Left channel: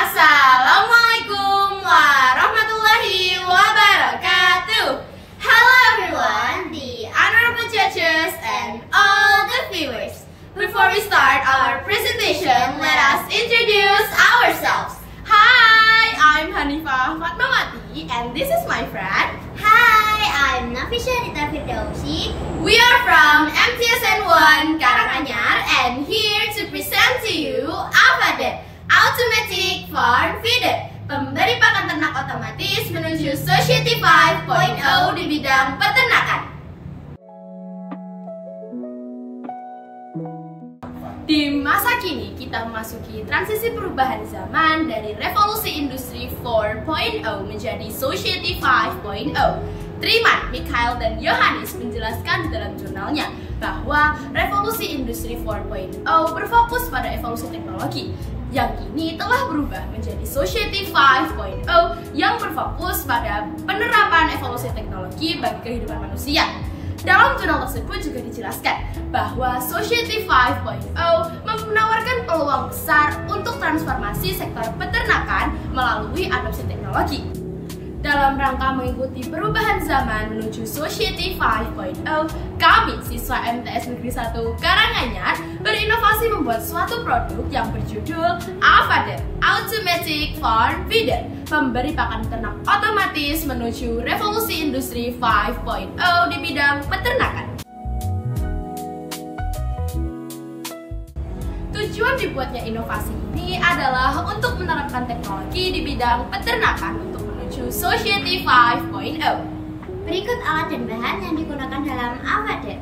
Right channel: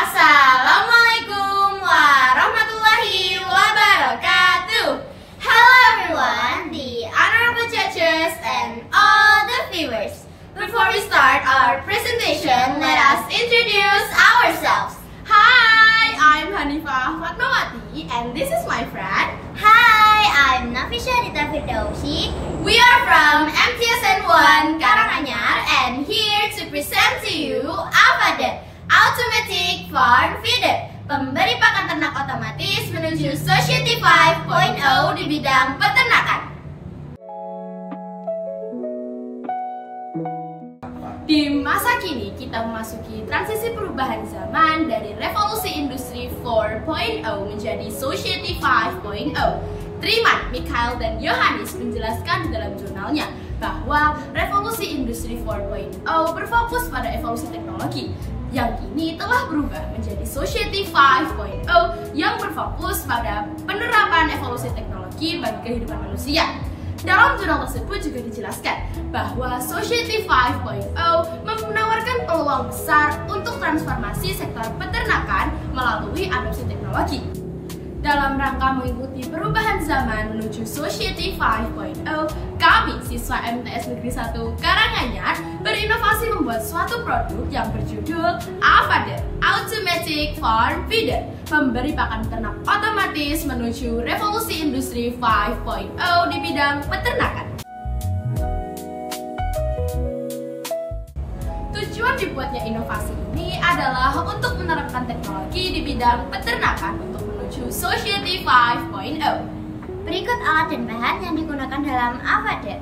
Assalamualaikum warahmatullahi wabarakatuh. Hello everyone, the honorable judges and all the viewers. Before we start our presentation, let us introduce ourselves. Hi, I'm Hanifah Fatmawati and this is my friend. Hi, I'm Nafisha Rita Firdausi. We are from MTSN 1 Karanganyar and here to present to you AFADER, Automatic Farm Feeder, pemberi pakan ternak otomatis menuju Society 5.0 di bidang peternakan. Di masa kini kita memasuki transisi perubahan zaman dari revolusi industri 4.0 menjadi Society 5.0. Triman, Mikhail, dan Yohanes menjelaskan di dalam jurnalnya bahwa revolusi industri 4.0 berfokus pada evolusi teknologi yang kini telah berubah menjadi Society 5.0 yang berfokus pada penerapan evolusi teknologi bagi kehidupan manusia. Dalam jurnal tersebut juga dijelaskan bahwa Society 5.0 menawarkan peluang besar untuk transformasi sektor peternakan melalui adopsi teknologi. Dalam rangka mengikuti perubahan zaman menuju Society 5.0, kami siswa MTS Negeri 1 Karanganyar berinovasi membuat suatu produk yang berjudul AFADER, Automatic Farm Feeder, pemberi pakan ternak otomatis menuju revolusi industri 5.0 di bidang peternakan. Tujuan dibuatnya inovasi ini adalah untuk menerapkan teknologi di bidang peternakan untuk menuju Society 5.0. Berikut alat dan bahan yang digunakan dalam AFADER.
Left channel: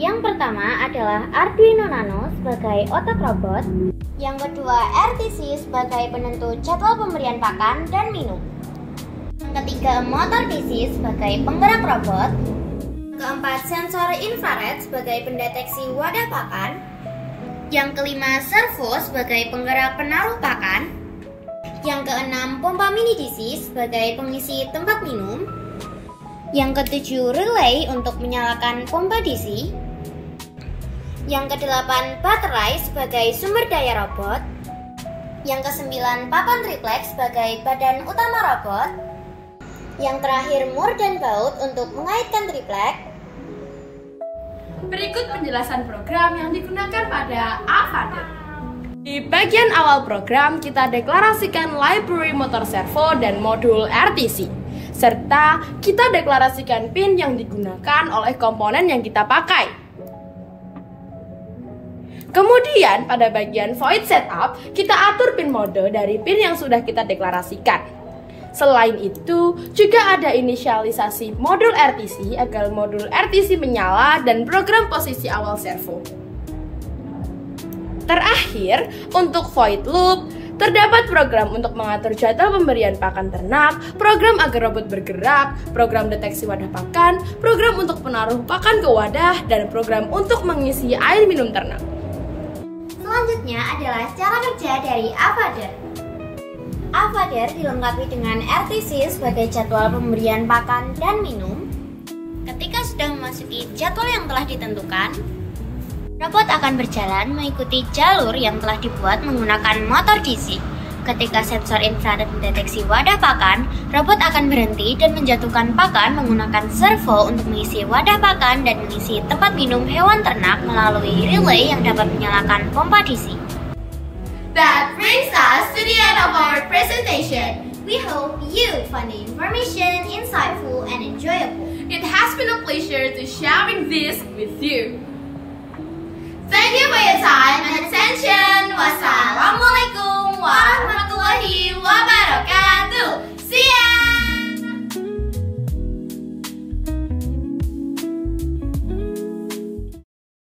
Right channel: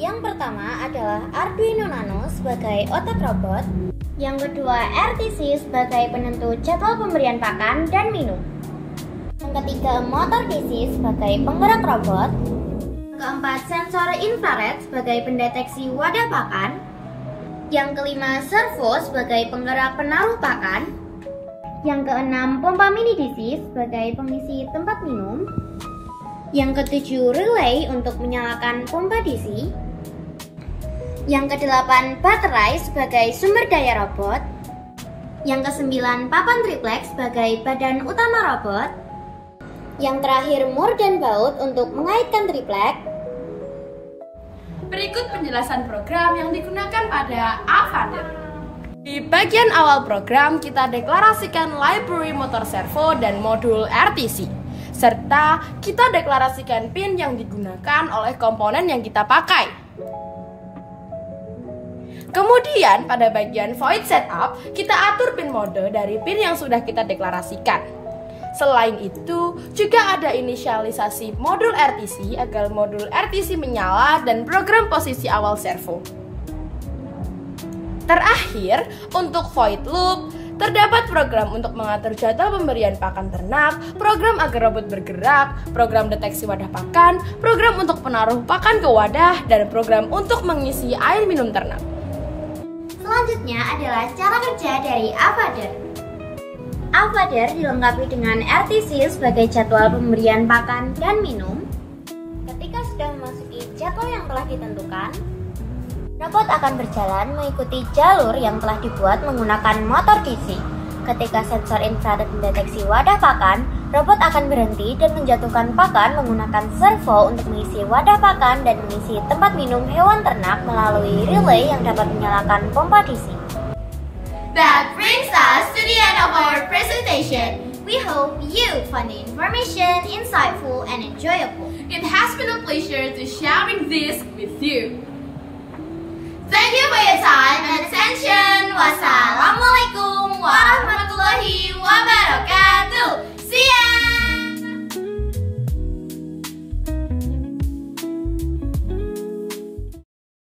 Yang pertama adalah Arduino Nano sebagai otak robot. Yang kedua, RTC sebagai penentu jadwal pemberian pakan dan minum. Yang ketiga, motor DC sebagai penggerak robot. Keempat, sensor infrared sebagai pendeteksi wadah pakan. Yang kelima, servo sebagai penggerak penaruh pakan. Yang keenam, pompa mini DC sebagai pengisi tempat minum. Yang ketujuh, relay untuk menyalakan pompa DC. Yang kedelapan, baterai sebagai sumber daya robot. Yang kesembilan, papan triplek sebagai badan utama robot. Yang terakhir, mur dan baut untuk mengaitkan triplek. Berikut penjelasan program yang digunakan pada AFADER. Di bagian awal program, kita deklarasikan library motor servo dan modul RTC, serta kita deklarasikan pin yang digunakan oleh komponen yang kita pakai. Kemudian pada bagian void setup, kita atur pin mode dari pin yang sudah kita deklarasikan. Selain itu, juga ada inisialisasi modul RTC agar modul RTC menyala dan program posisi awal servo. Terakhir, untuk void loop, terdapat program untuk mengatur jadwal pemberian pakan ternak, program agar robot bergerak, program deteksi wadah pakan, program untuk penaruh pakan ke wadah, dan program untuk mengisi air minum ternak. Selanjutnya adalah cara kerja dari AFADER. AFADER dilengkapi dengan RTC sebagai jadwal pemberian pakan dan minum. Ketika sudah memasuki jadwal yang telah ditentukan, robot akan berjalan mengikuti jalur yang telah dibuat menggunakan motor DC. Ketika sensor infrared mendeteksi wadah pakan, robot akan berhenti dan menjatuhkan pakan menggunakan servo untuk mengisi wadah pakan dan mengisi tempat minum hewan ternak melalui relay yang dapat menyalakan pompa DC. That brings us to the end of our presentation. We hope you find the information insightful and enjoyable. It has been a pleasure to sharing this with you. Thank you for your time and attention. Wassalamualaikum warahmatullahi